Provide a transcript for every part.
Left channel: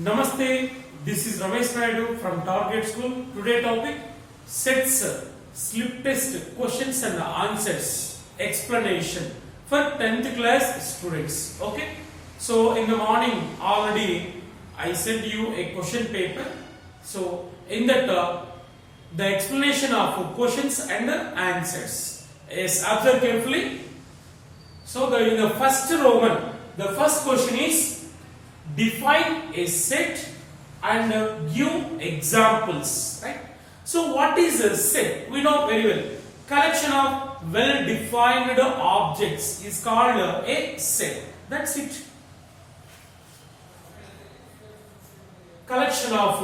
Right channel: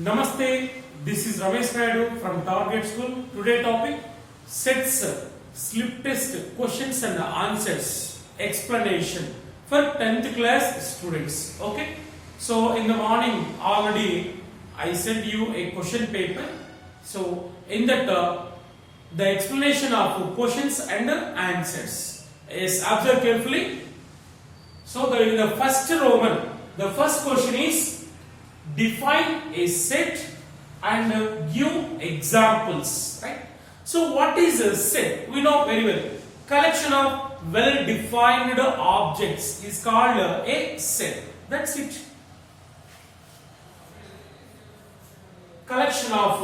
Namaste, this is Ramesh Naidu from Target School. Today topic sets, slip test, questions and answers, explanation for 10th class students. Okay, so in the morning already I sent you a question paper. So in that the explanation of questions and answers is observed carefully. So in the first Roman, the first question is define a set and give examples, right? So what is a set? We know very well. Collection of well defined objects is called a set. That's it. Collection of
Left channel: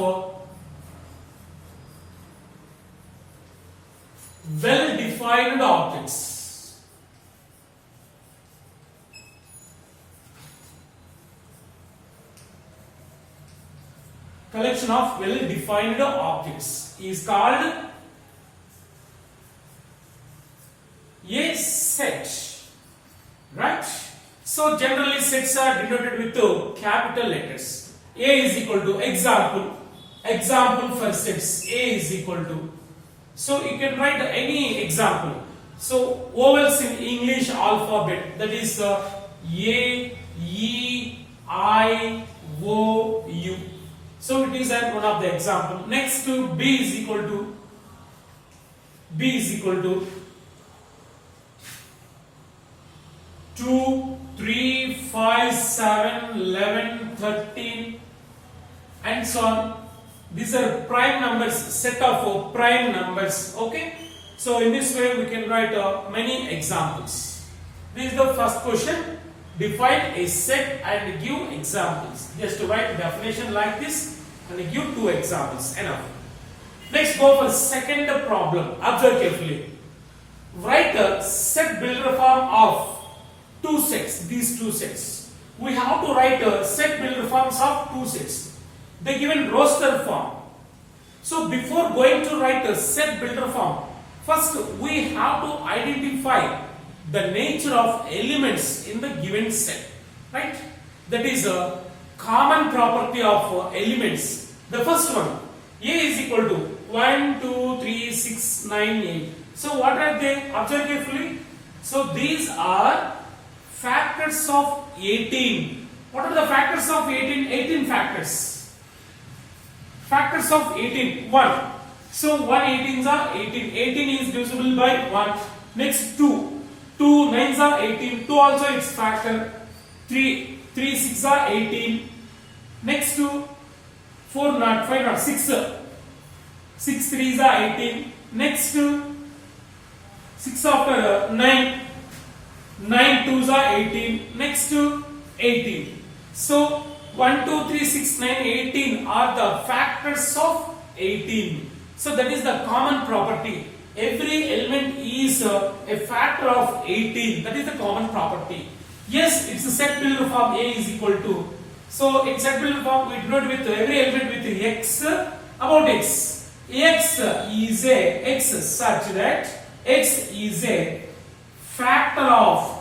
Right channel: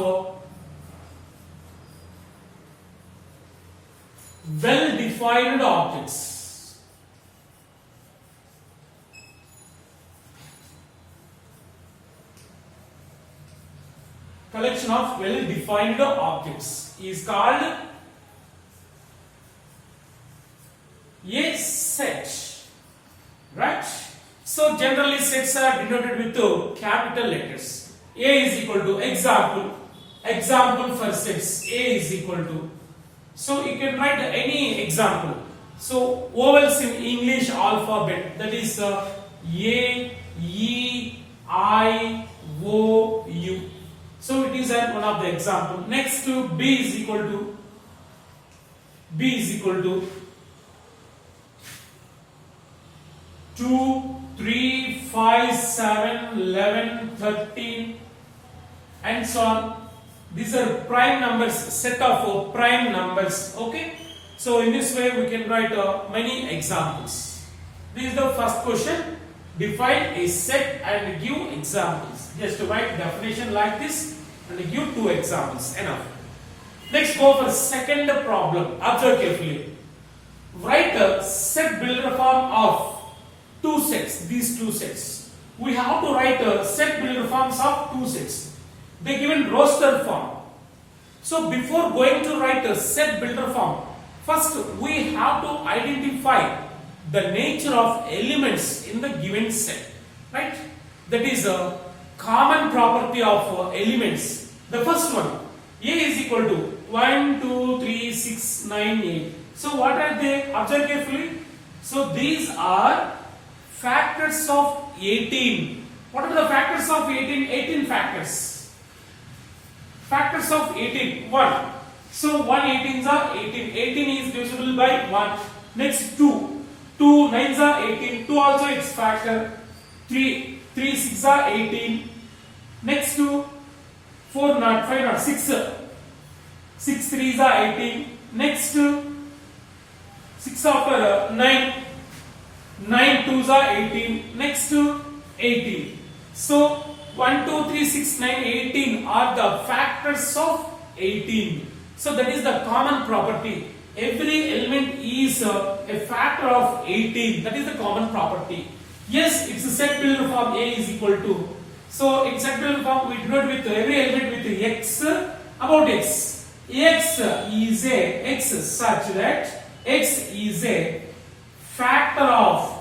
well defined objects. Collection of well defined objects is called a set, right? So generally sets are denoted with capital letters. A is equal to example for sets. A is equal to, so you can write any example. So vowels in English alphabet, that is A, E, I, O, U. So it is one of the example. Next to B is equal to 2, 3, 5, 7, 11, 13 and so on. These are prime numbers, set of prime numbers. Okay. So in this way we can write many examples. This is the first question. Define a set and give examples. Just write definition like this and give two examples. Enough. Next, go for second problem. Observe carefully. Write a set builder form of two sets. These two sets. We have to write a set builder forms of two sets. They given roster form. So before going to write a set builder form, first we have to identify the nature of elements in the given set, right? That is a common property of elements. The first one, A is equal to 1, 2, 3, 6, 9, 8. So what are they? Observe carefully. So these are factors of 18. What are the factors of 18? 18 factors. Factors of 18. 1. So 1 18s are 18. 18 is divisible by 1. Next 2. 2 9s are 18. 2 also its factor. 3 6 are 18. Next to 4 not 5 not 6. 6 3s are 18. Next to 6 after 9. 9 2s are 18. Next to 18. So 1 2 3 6 9 18 are the factors of 18. So that is the common property. Every element is a factor of 18. That is the common property. Yes, it's a set builder form. A is equal to. So in set builder form, we denote with every element with x about x. X is such that x is a factor of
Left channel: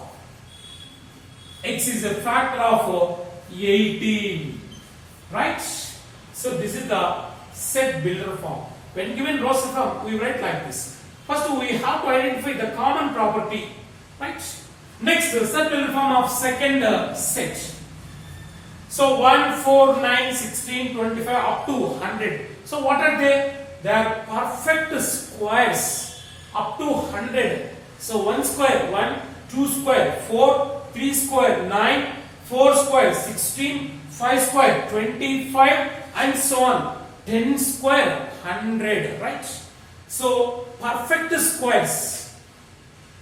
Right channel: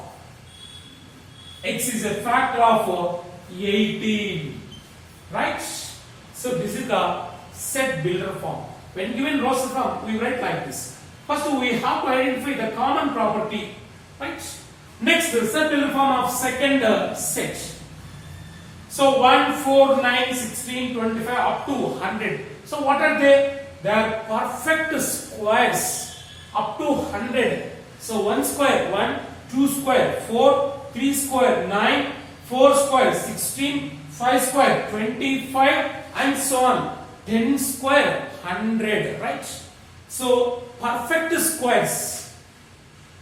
18. Right? So this is the set builder form. When given roster form, we write like this. First, we have to identify the common property, right? Next, the set builder form of second set. So 1, 4, 9, 16, 25 up to 100. So what are they? They are perfect squares up to 100. So 1 square 1, 2 square 4, 3 square 9, 4 square 16, 5 square 25 and so on. 10 square 100, right? So perfect squares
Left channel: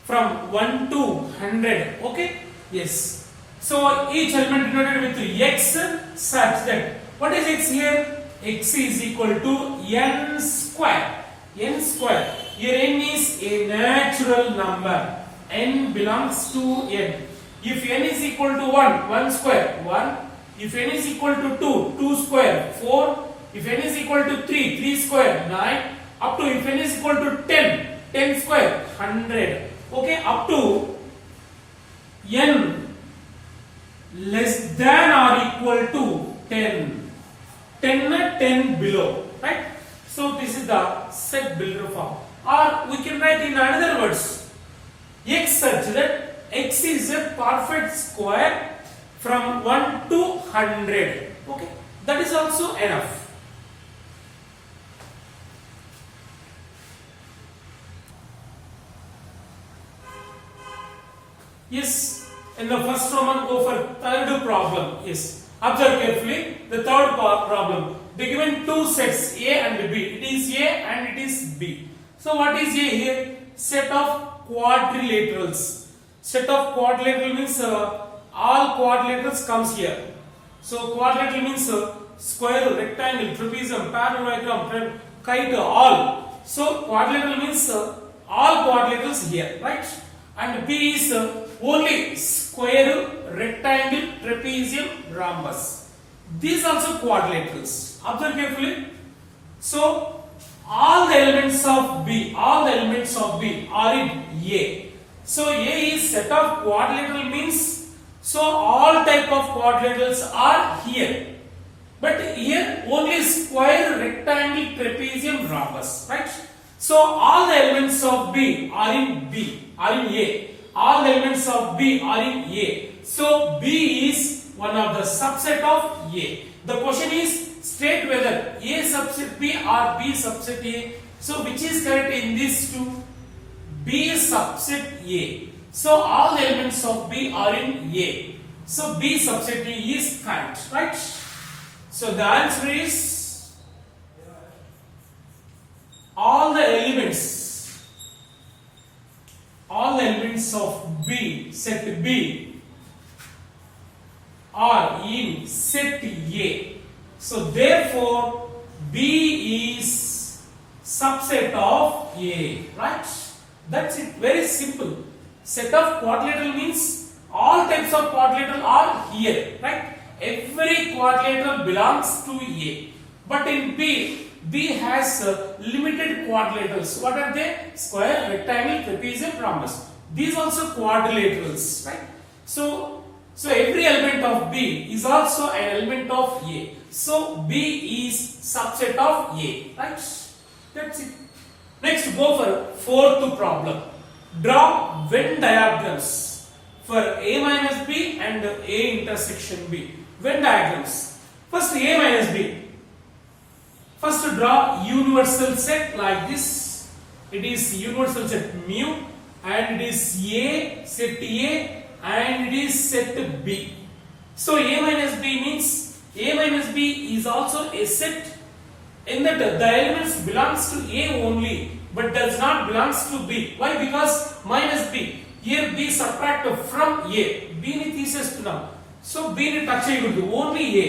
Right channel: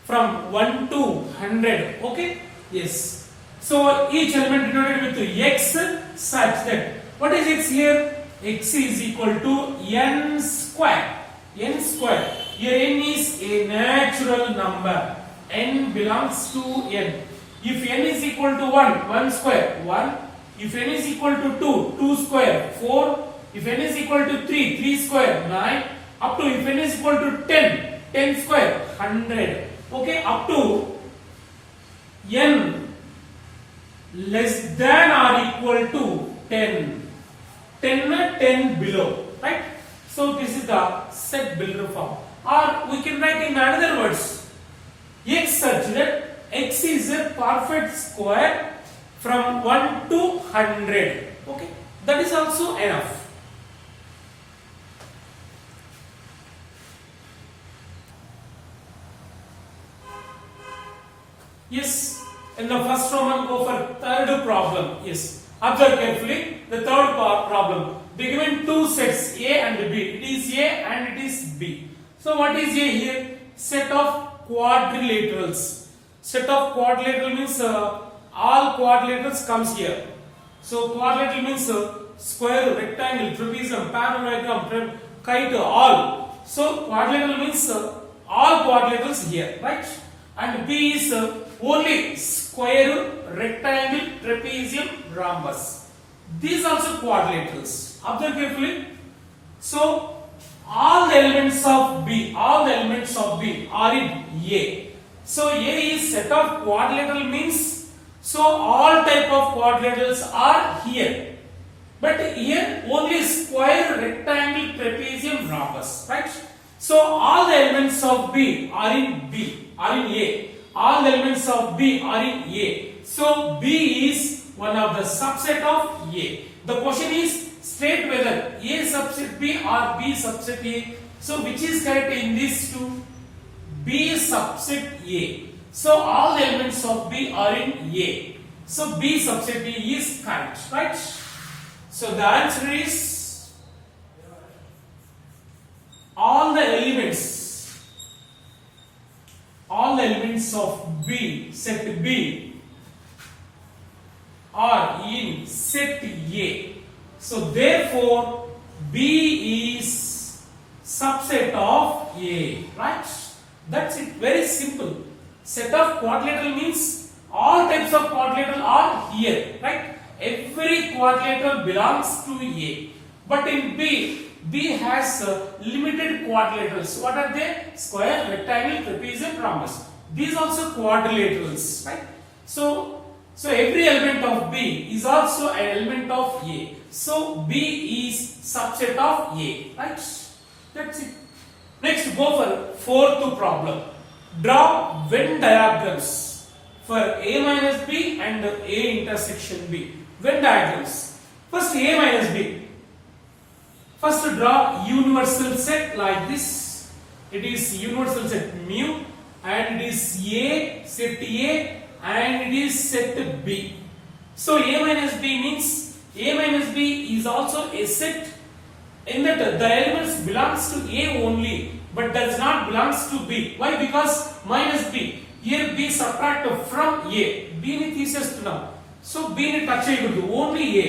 from 1 to 100. Okay? Yes. So each element denoted with x such that what is x here? X is equal to n square. N square. Here n is a natural number. N belongs to n. If n is equal to 1, 1 square 1. If n is equal to 2, 2 square 4. If n is equal to 3, 3 square 9. Up to if n is equal to 10, 10 square 100. Okay, up to n less than or equal to 10. 10 and 10 below, right? So this is the set builder form. Or we can write in other words, x such that x is a perfect square from 1 to 100. Okay, that is also enough. Yes, in the first Roman, go for third problem. Yes, observe carefully the third problem. They given two sets A and B. It is A and it is B. So what is A here? Set of quadrilaterals. Set of quadrilateral means all quadrilaterals comes here. So quadrilateral means square, rectangle, trapezium, parallelogram, kite, all. So quadrilateral means all quadrilaterals here, right? And B is only square, rectangle, trapezium, rhombus. These also quadrilaterals. Observe carefully. So all the elements of B are in A. So A is set of quadrilateral means, so all type of quadrilaterals are here. But here only square, rectangle, trapezium, rhombus, right? So all the elements of B are in A. All the elements of B are in A. So B is one of the subset of A. The question is state whether A subset B or B subset A. So which is correct in these two? B subset A. So all the elements of B are in A. So B subset A is correct, right? So the answer is all the elements of B, set B, are in set A. So therefore B is subset of A, right? That's it, very simple. Set of quadrilateral means all types of quadrilateral are here, right? Every quadrilateral belongs to A. But in B has limited quadrilaterals. What are they? Square, rectangle, trapezium, rhombus. These also quadrilaterals, right? So every element of B is also an element of A. So B is subset of A, right? That's it. Next, go for fourth problem. Draw Venn diagrams for A minus B and A intersection B. Venn diagrams. First A minus B. First draw universal set like this. It is universal set mu and it is A, set A and it is set B. So A minus B means A minus B is also a set in that the elements belongs to A only but does not belongs to B. Why? Because minus B. Here B subtracted from A. B ni తీసేస్తున్నాం. So B ni touch చేయకూడదు. Only A.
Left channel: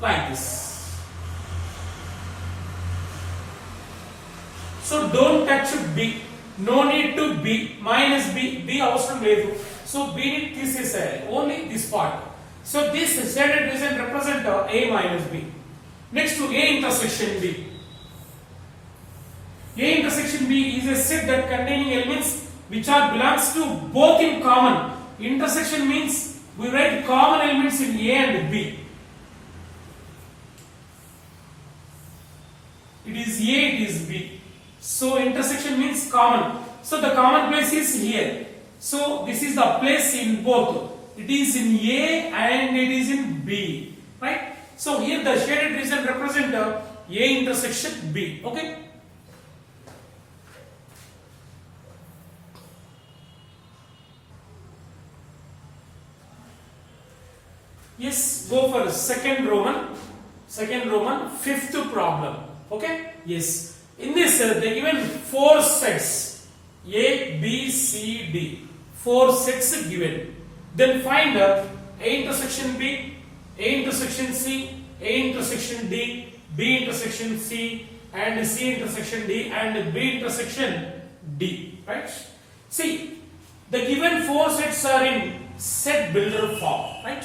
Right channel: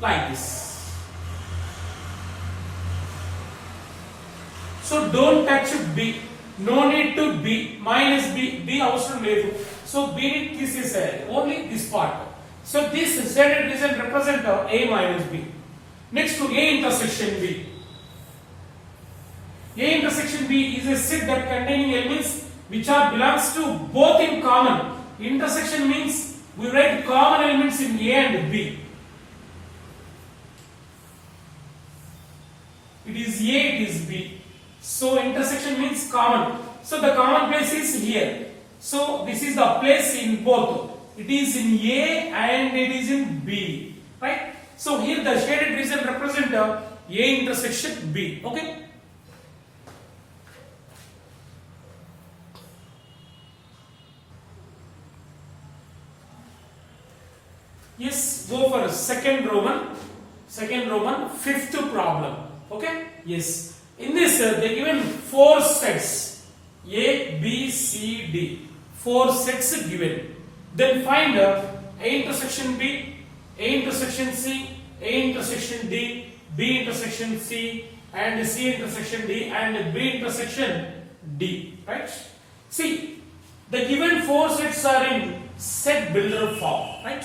Like this. So don't touch B. No need to B. Minus B. B అవసరం లేదు. So B ni తీసేసేయాలి. Only this part. So this shaded region represent A minus B. Next to A intersection B. A intersection B is a set that containing elements which are belongs to both in common. Intersection means we write common elements in A and B. It is A, it is B. So intersection means common. So the common place is here. So this is the place in both. It is in A and it is in B. Right? So here the shaded region represent A intersection B. Okay? Yes, go for second Roman, fifth problem. Okay? Yes. In this, they given four sets A, B, C, D. Four sets given. Then find A intersection B, A intersection C, A intersection D, B intersection C, and C intersection D, and B intersection D. Right? See, the given four sets are in set builder form. Right?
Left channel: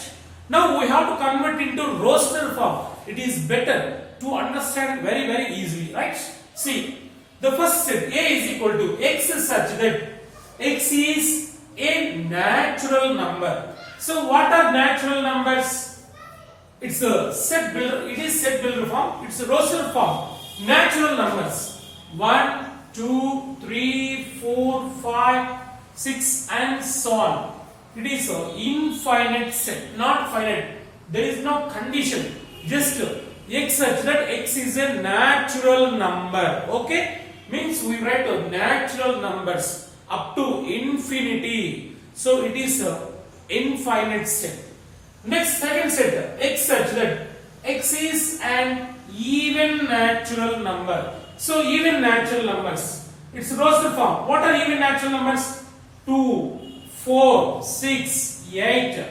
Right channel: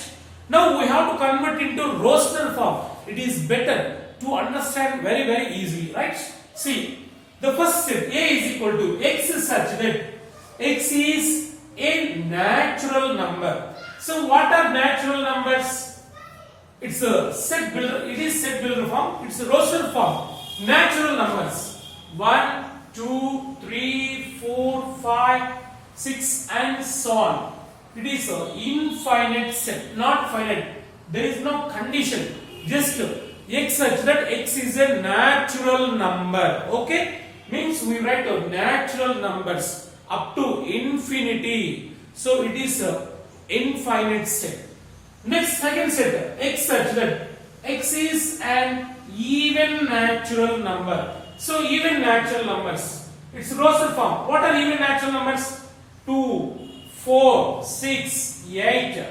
Now we have to convert into roster form. It is better to understand very, very easily. Right? See, the first set A is equal to X such that X is a natural number. So what are natural numbers? It's a set builder. It is set builder form. It's a roster form. Natural numbers 1, 2, 3, 4, 5, 6, and so on. It is an infinite set, not finite. There is no condition. Just x such that x is a natural number. Okay, means we write natural numbers up to infinity. So it is a infinite set. Next, second set, x such that x is an even natural number. So even natural numbers, it's roster form. What are even natural numbers? 2, 4, 6, 8,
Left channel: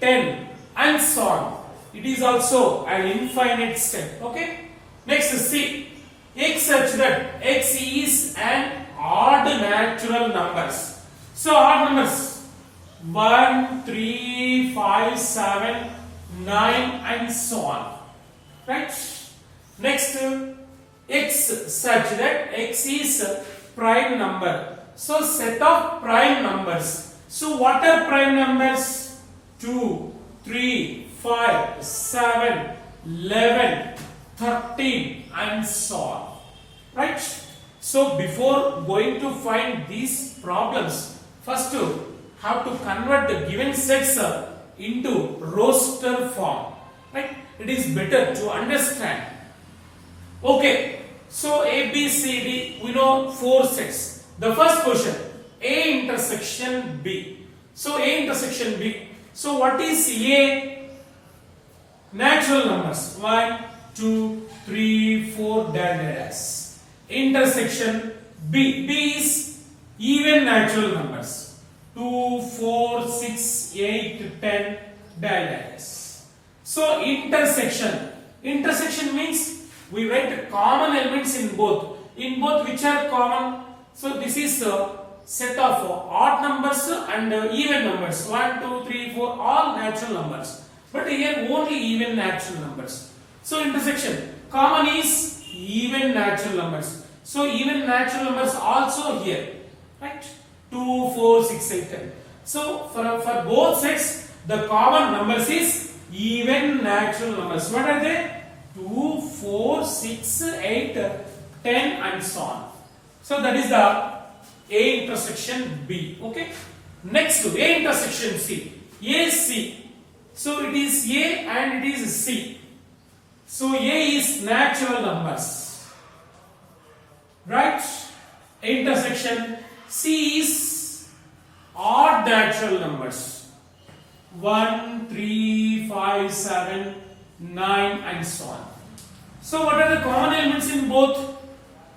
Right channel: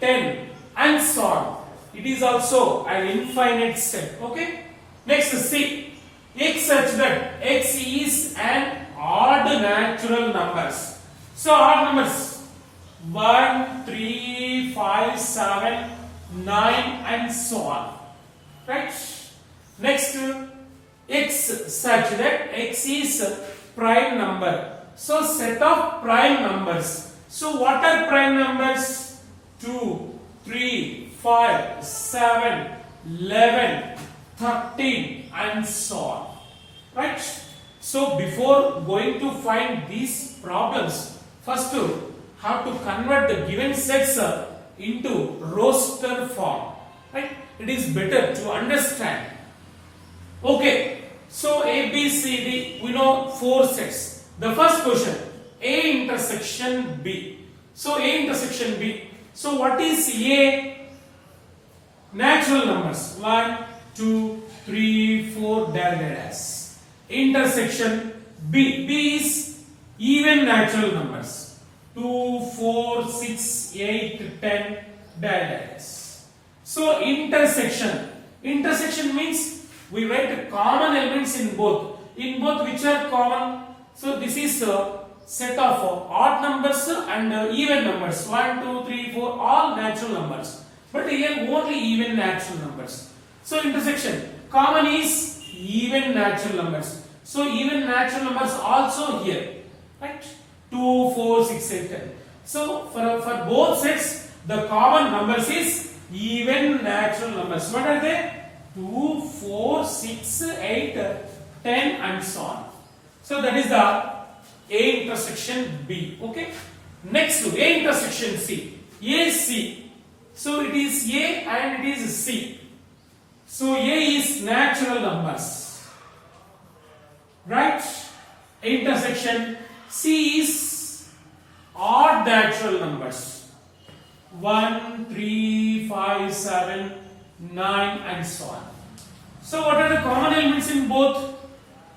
10, and so on. It is also an infinite set. Okay. Next, C, x such that x is an odd natural numbers. So odd numbers 1, 3, 5, 7, 9, and so on. Right? Next, x such that x is a prime number. So set of prime numbers. So what are prime numbers? 2, 3, 5, 7, 11, 13, and so on. Right? So before going to find these problems, first have to convert the given sets into roster form. Right? It is better to understand. Okay. So A, B, C, D, we know 4 sets. The first question, A intersection B. So A intersection B. So what is A? Natural numbers 1, 2, 3, 4, dash. Intersection B. B is even natural numbers 2, 4, 6, 8, 10, dash. So intersection. Intersection means we write common elements in both. In both, which are common? So this is a set of odd numbers and even numbers 1, 2, 3, 4, all natural numbers. But here only even natural numbers. So intersection, common is even natural numbers. So even natural numbers also here, right? 2, 4, 6, 8, 10. So for both sets, the common numbers is even natural numbers. What are they? 2, 4, 6, 8, 10, and so on. So that is the A intersection B. Okay. Next to A intersection C. A, C. So it is A and it is C. So A is natural numbers. Right? Intersection C is odd natural numbers. 1, 3, 5, 7, 9, and so on. So what are the common elements in both?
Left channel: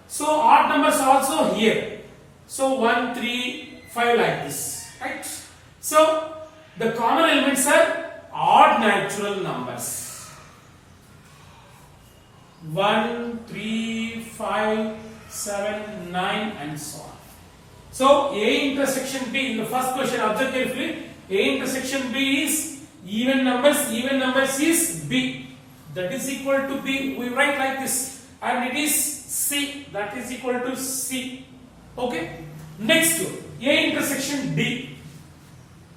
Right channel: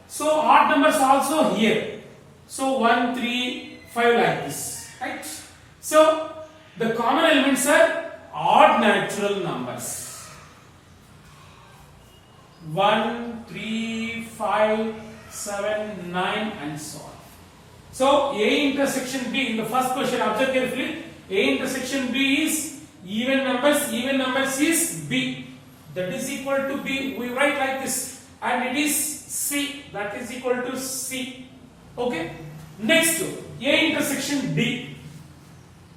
So odd numbers also here. So 1, 3, 5 like this. Right? So the common elements are odd natural numbers. 1, 3, 5, 7, 9, and so on. So A intersection B, in the first question, observe carefully. A intersection B is even numbers is B. That is equal to B. We write like this. And it is C. That is equal to C. Okay. Next, A intersection D.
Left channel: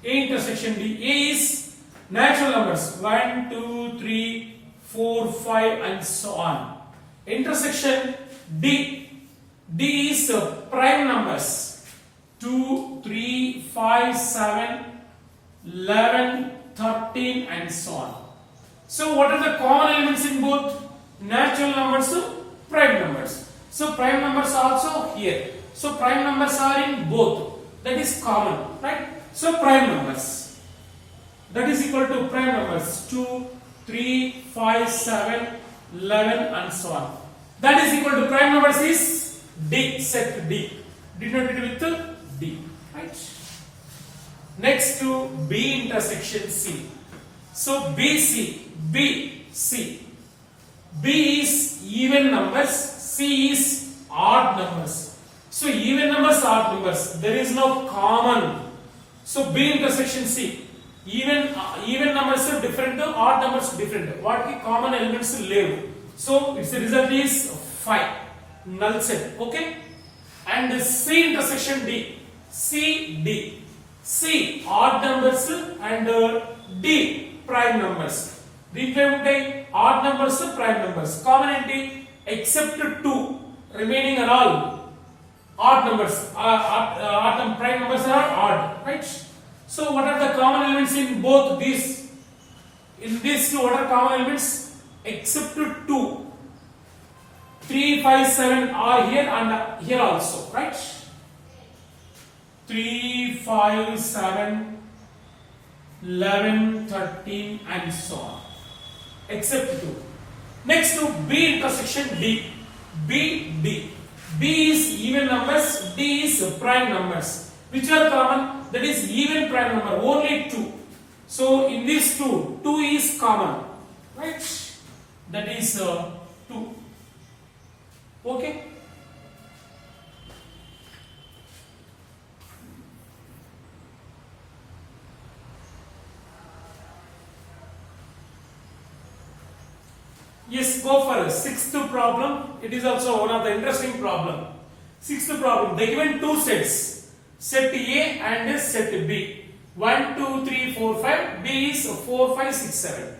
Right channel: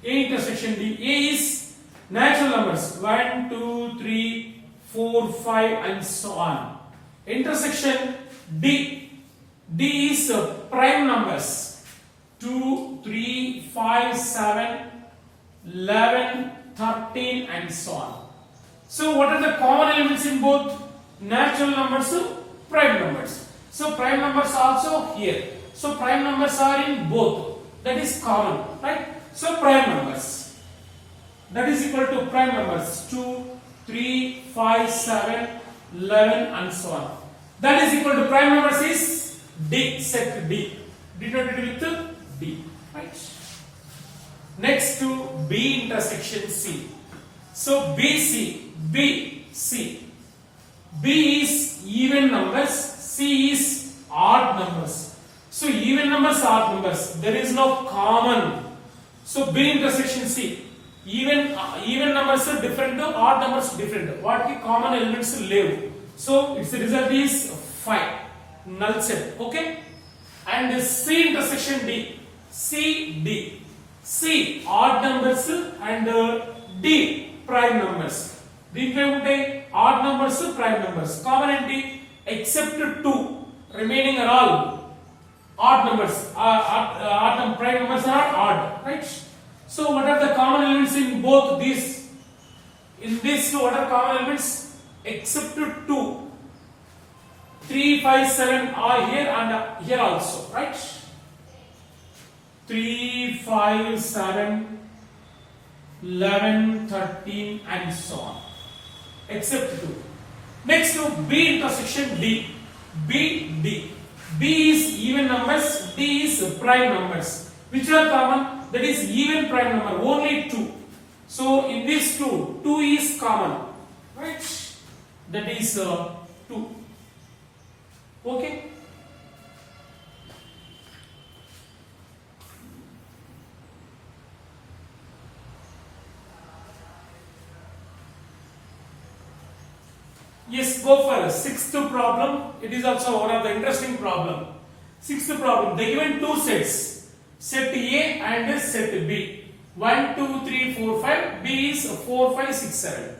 A intersection D. A is natural numbers 1, 2, 3, 4, 5, and so on. Intersection D. D is prime numbers 2, 3, 5, 7, 11, 13, and so on. So what are the common elements in both? Natural numbers, prime numbers. So prime numbers also here. So prime numbers are in both. That is common, right? So prime numbers. That is equal to prime numbers 2, 3, 5, 7, 11, and so on. That is equal to prime numbers is D, set D. Denoted with D, right? Next to B intersection C. So BC, B, C. B is even numbers, C is odd numbers. So even numbers, odd numbers. There is no common. So B intersection C. Even numbers are different, odd numbers different. What the common elements live? So its result is 5. Null set. Okay. And C intersection D. C, D. C odd numbers and D prime numbers. దీంట్లో ఉంటాయి odd numbers, prime numbers. Common ఏంటి? Except 2 remaining are all odd numbers. Prime numbers are odd, right? So what are the common elements in both these? In these two, what are common elements? Except 2. 3, 5, 7 are here and here also, right? 3, 5, 7, 11, 13 and so on. Except 2. Next to B intersection D. B, D. B is even numbers, D is prime numbers. Which are common? That is even prime number, only 2. So in these two, 2 is common, right? That is 2. Okay. Yes, go for sixth problem. It is also one of the interesting problem. Sixth problem. They given two sets, set A and set B. 1, 2, 3, 4, 5. B is 4, 5, 6, 7.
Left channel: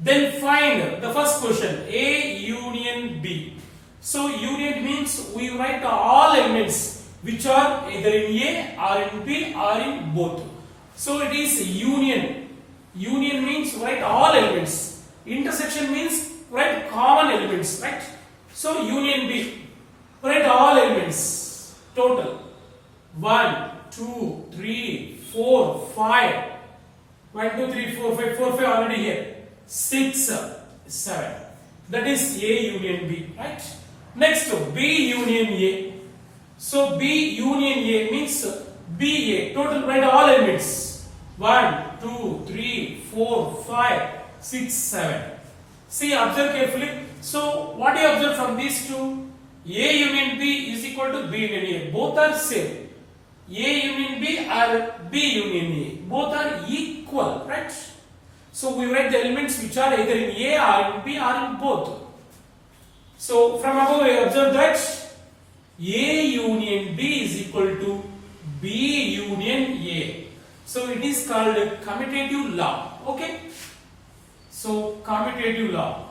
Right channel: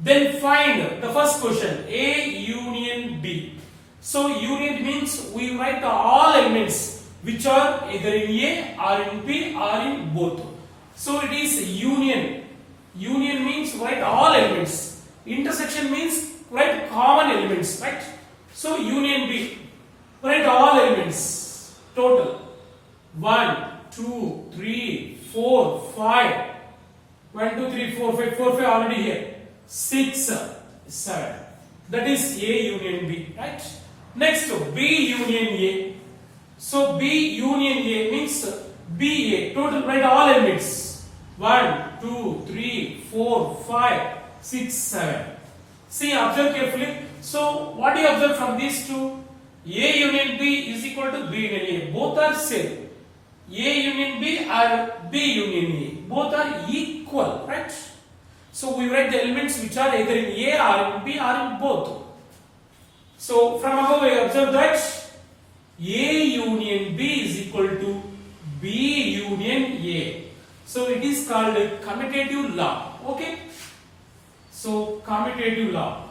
Then find the first question, A union B. So union means we write all elements which are either in A or in B or in both. So it is union. Union means write all elements. Intersection means write common elements, right? So union B, write all elements total. 1, 2, 3, 4, 5. 1, 2, 3, 4, 5. 4, 5 already here. 6, 7. That is A union B, right? Next, B union A. So B union A means BA. Total write all elements. 1, 2, 3, 4, 5, 6, 7. See, observe carefully. So what do you observe from these two? A union B is equal to B union A. Both are same. A union B or B union A. Both are equal, right? So we write the elements which are either in A or in B or in both. So from above we observe that A union B is equal to B union A. So it is called commutative law. Okay. So commutative law.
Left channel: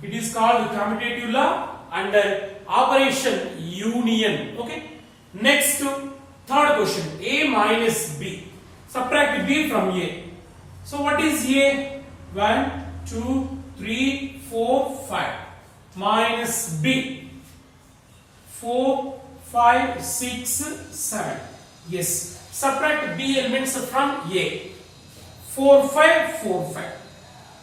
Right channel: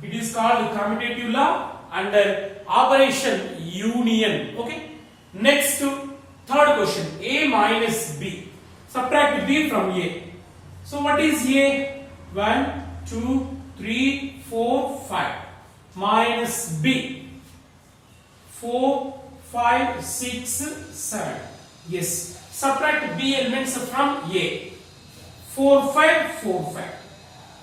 It is called commutative law under operation union. Okay. Next to third question, A minus B. Subtract B from A. So what is A? 1, 2, 3, 4, 5. Minus B. 4, 5, 6, 7. Yes. Subtract B elements from A. 4, 5, 4, 5.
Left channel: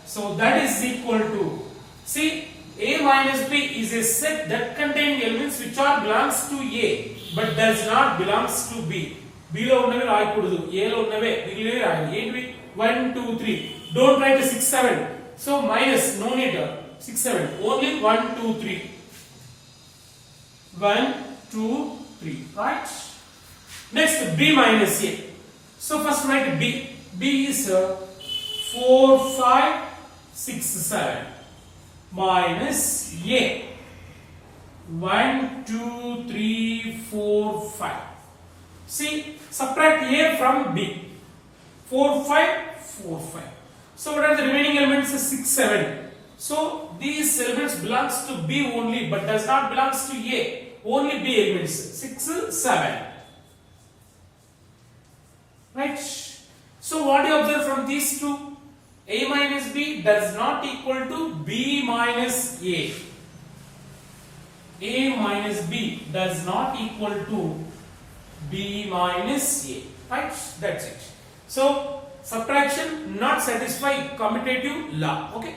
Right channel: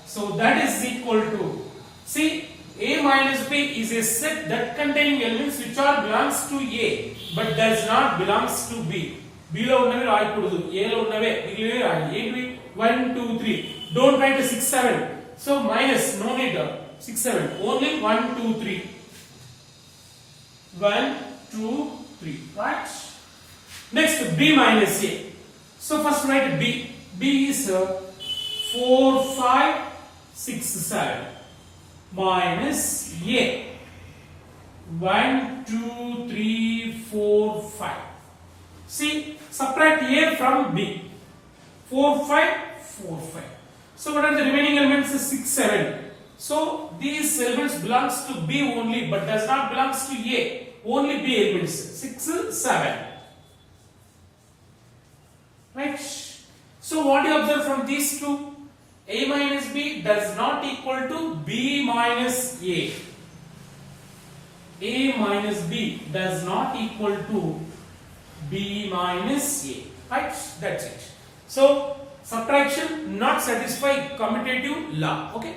So that is equal to, see, A minus B is a set that contains elements which are belongs to A but does not belongs to B. B lo unnave raayakudadu, A lo unnave migilave raayali. Enti 1, 2, 3. Don't write 6, 7. So minus, no need 6, 7. Only 1, 2, 3. 1, 2, 3. Right? Next, B minus A. So first write B. B is 4, 5, 6, 7. Minus A. 1, 2, 3, 4, 5. See, subtract A from B. 4, 5, 4, 5. So what are the remaining elements? 6, 7. So these elements belongs to B only but does not belongs to A. Only B elements. 6, 7. Right? So what do you observe from these two? A minus B does not equal to B minus A. A minus B does not equal to B minus A. Right? That's it. So subtraction not satisfy commutative law. Okay.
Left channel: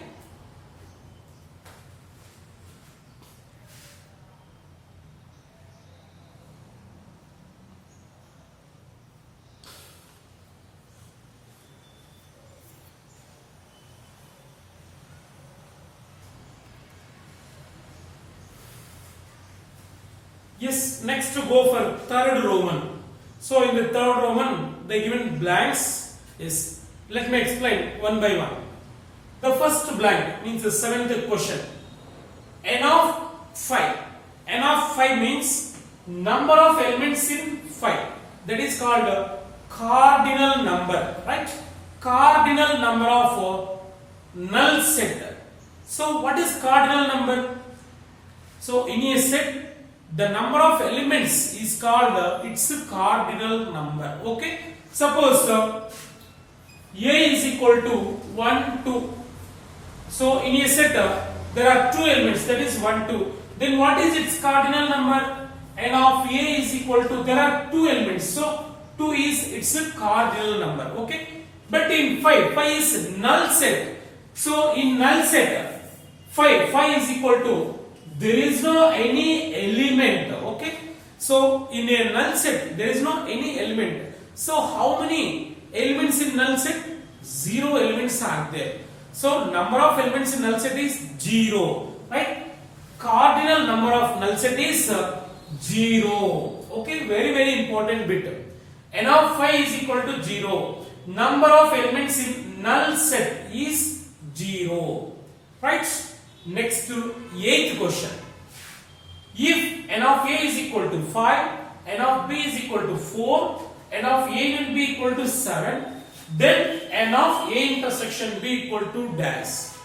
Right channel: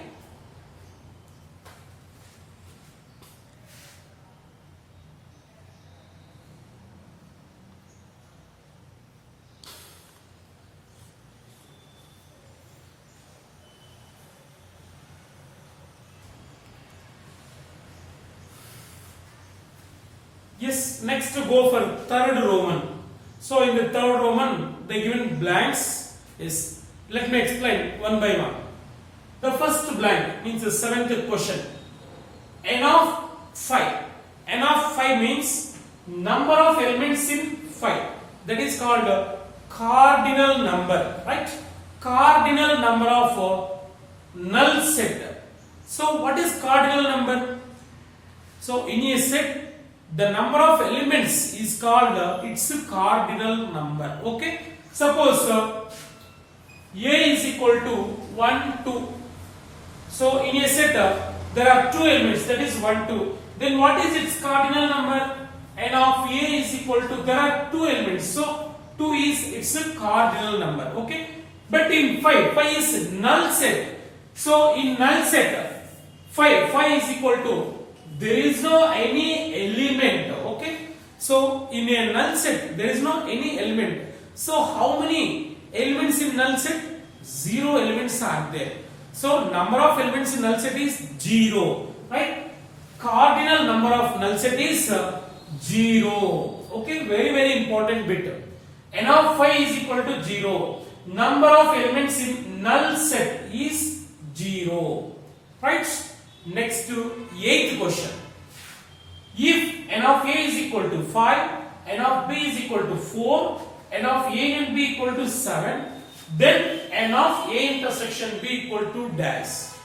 Yes, next to go for third Roman. So in the third Roman, they given blanks. Yes, let me explain one by one. The first blank means the seventh question. N of 5. N of 5 means number of elements in 5. That is called cardinal number, right? Cardinal number of null set. So what is cardinal number? So in a set, the number of elements is called its cardinal number. Okay. Suppose A is equal to 1, 2. So in a set, there are two elements, that is 1, 2. Then what is its cardinal number? N of A is equal to, there are two elements. So 2 is its cardinal number. Okay. But in 5 is null set. So in null set, 5 is equal to, there is no any element. Okay. So in a null set, there is no any element. So how many elements in null set? 0 elements are there. So number of elements in null set is 0. Right? Cardinal number of null set is 0. Okay. Very important bit. N of 5 is equal to 0. Number of elements in null set is 0. Right? Next to 8th question. If n of A is equal to 5, n of B is equal to 4, n of A and B equal to 7, then n of A intersection B equal to dash.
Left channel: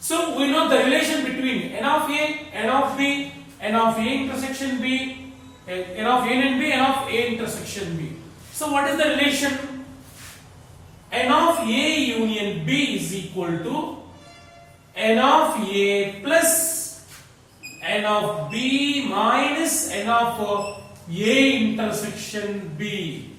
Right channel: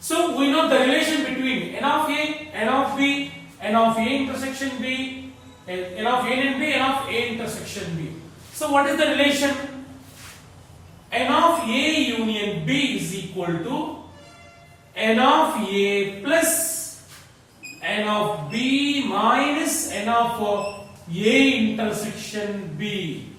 So we know the relation between n of A, n of B, n of A intersection B, n of A and B, n of A intersection B. So what is the relation? N of A union B is equal to n of A plus n of B minus n of A intersection B.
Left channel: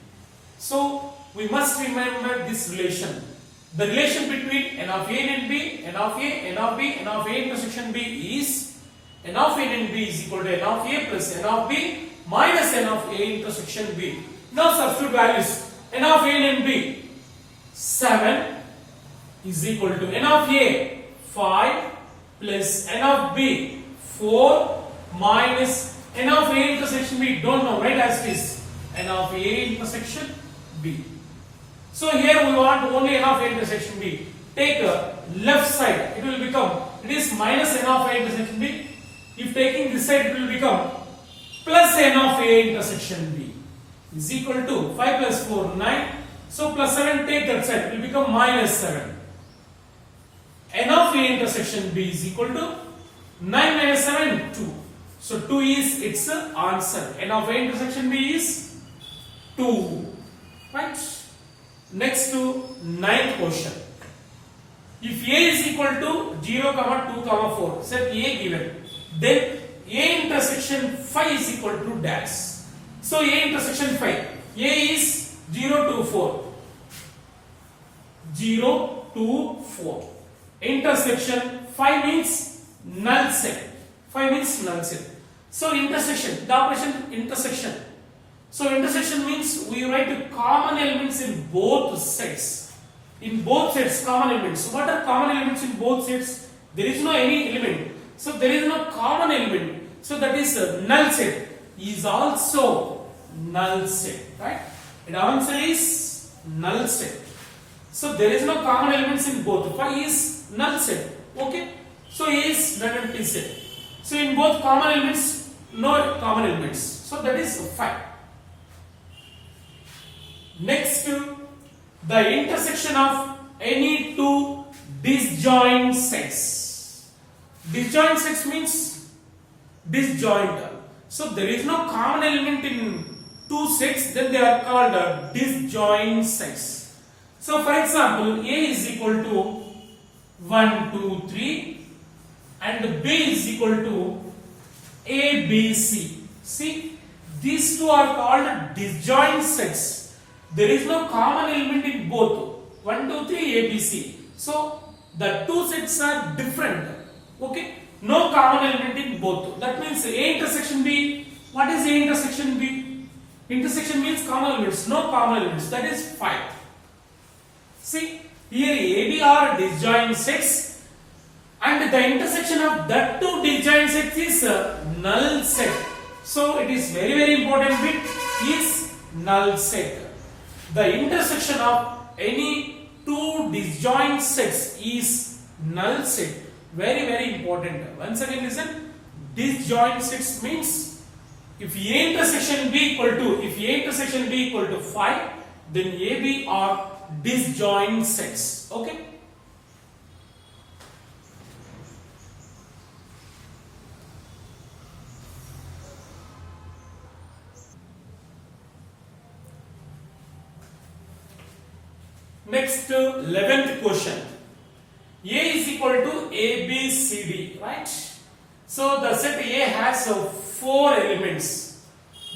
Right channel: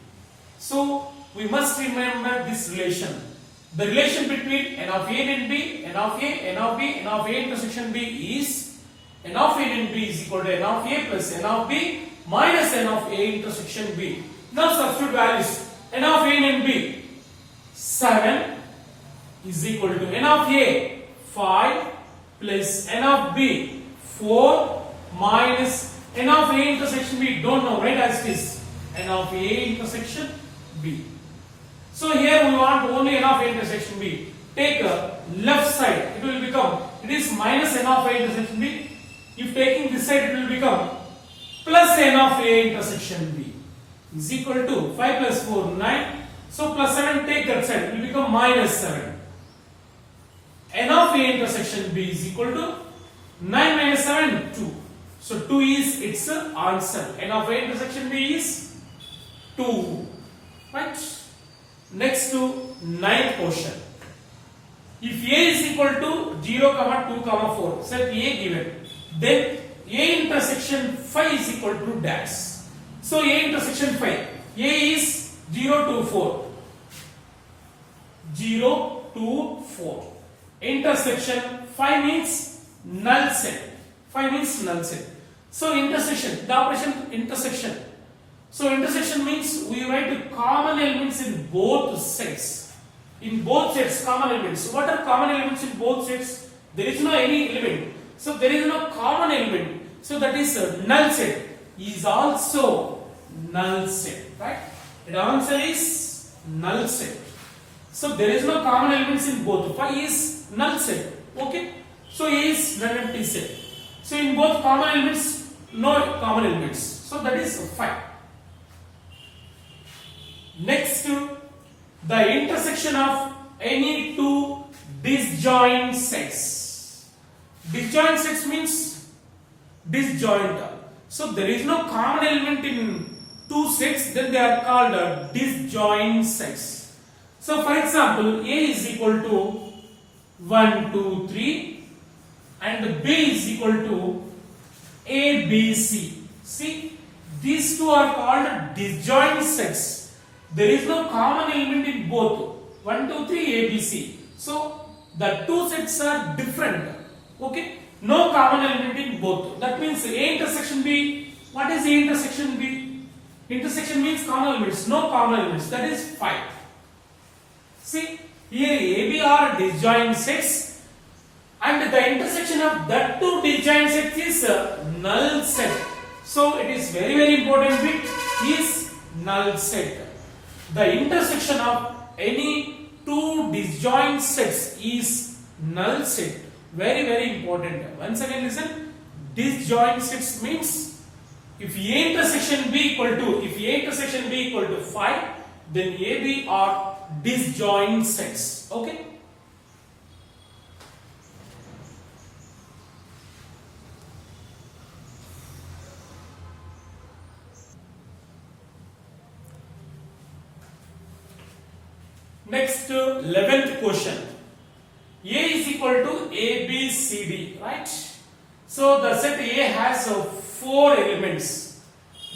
So we must remember this relation. The relation between n of A and B, n of A, n of B, n of A intersection B is n of A and B is equal to n of A plus n of B minus n of A intersection B. Now substitute values. N of A and B 7 is equal to n of A 5 plus n of B 4 minus n of A intersection B. Don't know, right? As it is n of A intersection B. So here we want only n of A intersection B. Take left side, it will become, it is minus n of A intersection B. If taking this side, it will become plus n of A intersection B is equal to 5 plus 4, 9. So plus 7, take that side, it will become minus 7. N of A intersection B is equal to 9 minus 7, 2. So 2 is its answer. N of A intersection B is 2. Right? Next to 9th question. If A is equal to 0, 2, 4, set A given, then A intersection phi is equal to dash. So A intersection phi, A is 0 to 4. 0 to 4. Intersection phi means null set. Phi means null set. So intersection, the operation intersection. So intersection means we write common elements in both sets. In both sets, common elements. What are common elements in both sets? There is no any element. So there is no common element. So that is null set. Is also null set. Right? The answer is null set. So there is no common elements in both. Phi is null set. Okay? So A is non-empty set. So in both common elements, no common elements. So that is phi. Next to the intersection of any two disjoint sets. Disjoint sets means disjoint. So there is no common element in two sets, then they are called disjoint sets. So for example, A is equal to 1, 2, 3 and B is equal to A, B, C. See, these two are called disjoint sets. There is no common element in both. 1, 2, 3, A, B, C. So the two sets are different. Okay? No common element in both. That means A intersection B. What is A intersection B? Intersection means common elements. No common elements. That is phi. See, here A, B are disjoint sets, and the intersection of that two disjoint sets is null set. So it is very important bit is null set. The intersection of any two disjoint sets is null set. Very important. Once again listen. Disjoint sets means if A intersection B equal to 5, then AB are disjoint sets. Okay. Next, 11th question. A is equal to A, B, C, D, right? So the set A has 4 elements.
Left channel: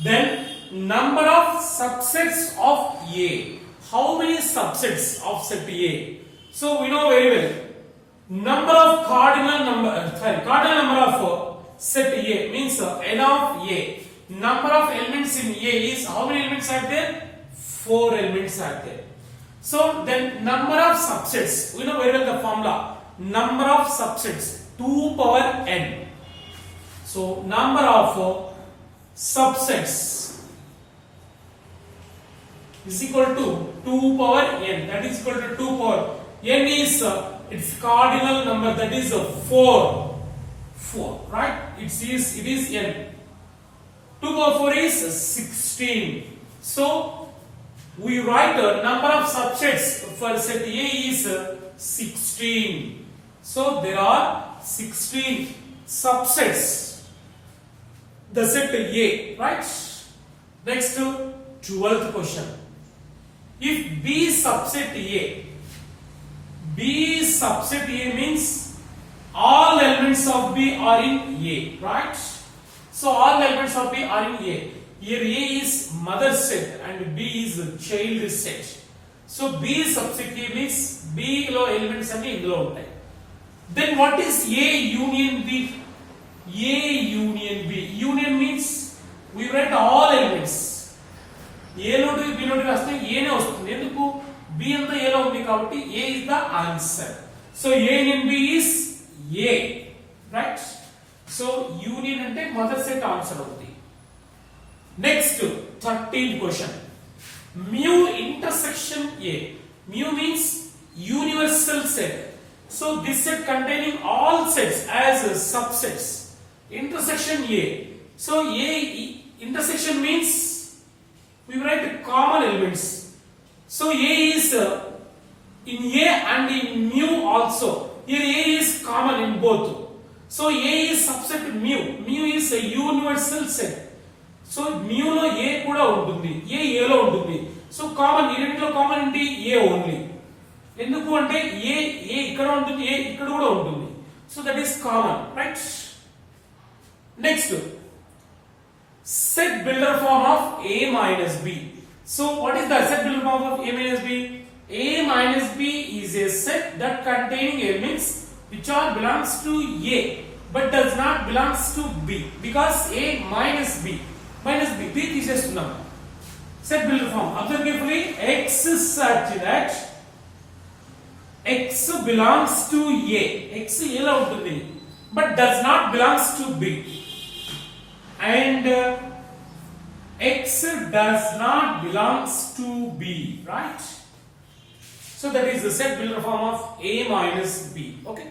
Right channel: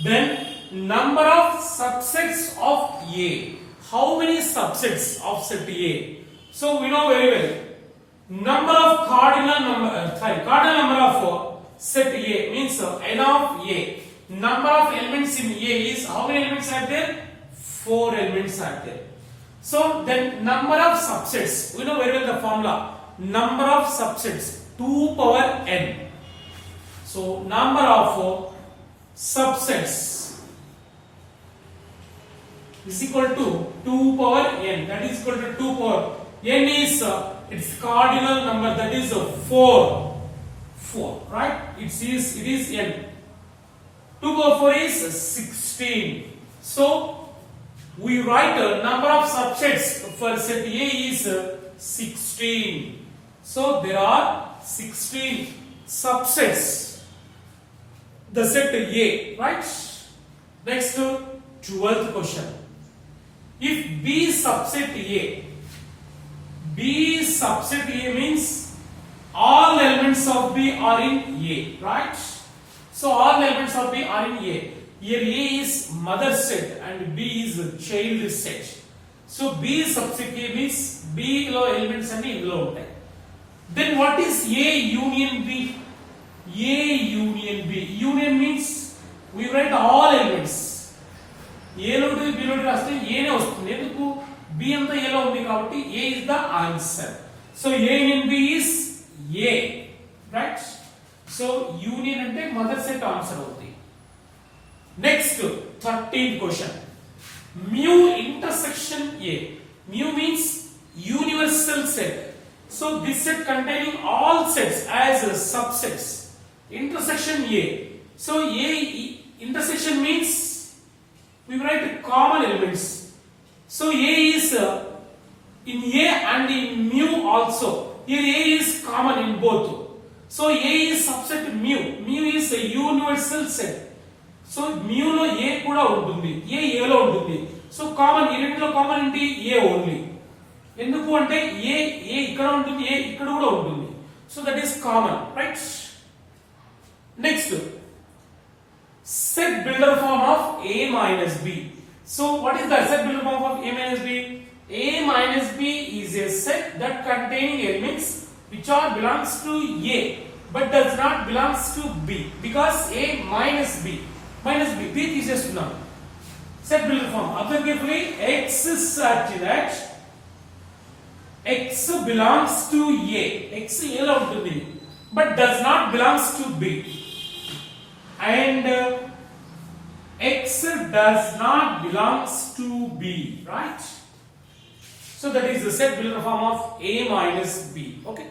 Then number of subsets of A. How many subsets of set A? So we know very well. Cardinal number of set A means n of A. Number of elements in A is, how many elements are there? 4 elements are there. So then number of subsets, we know very well the formula. Number of subsets 2 power n. So number of subsets is equal to 2 power n. That is equal to 2 power n is its cardinal number, that is 4. 4, right? It is n. 2 power 4 is 16. So we write the number of subsets for set A is 16. So there are 16 subsets. The set A, right? Next, 12th question. If B subset A means all elements of B are in A, right? So all elements of B are in A. Here A is mother set and B is child set. So B subset A means B lo elements and in lo ఉంటాయి. Then what is A union B? A union B. Union means we write all elements. A lo to B lo రాస్తే A నే వస్తుంది. ఎందుకు? B అంతా A లో ఉంది కాబట్టి A is the answer. So A union B is A, right? So union అంటే mother set answer అవుతుంది. Next, 13th question. Mu intersection A. Mu means universal set. So this set containing all sets as subsets. Intersection A. So A intersection means we write common elements. So A is in A and in mu also. Here A is common in both. So A is subset mu. Mu is a universal set. So మ్యూలో A కూడా ఉంటుంది, ఏ లో ఉంటుంది. So common, ఈ రెండులో common ఏంటి? ఏ only. ఎందుకు అంటే ఏ ఇక్కడ ఉంటుంది, ఏ ఇక్కడ కూడా ఉంటుంది. So that is common, right? Next, set builder form of A minus B. So what is the set builder form of A minus B? A minus B is a set that containing elements which are belongs to A but does not belongs to B, because A minus B B తీసేస్తున్నాం. Set builder form. Observe carefully. X is such that X belongs to A. X A లో ఉంటుంది but does not belongs to B. And X does not belongs to B, right? So that is the set builder form of A minus B. Okay.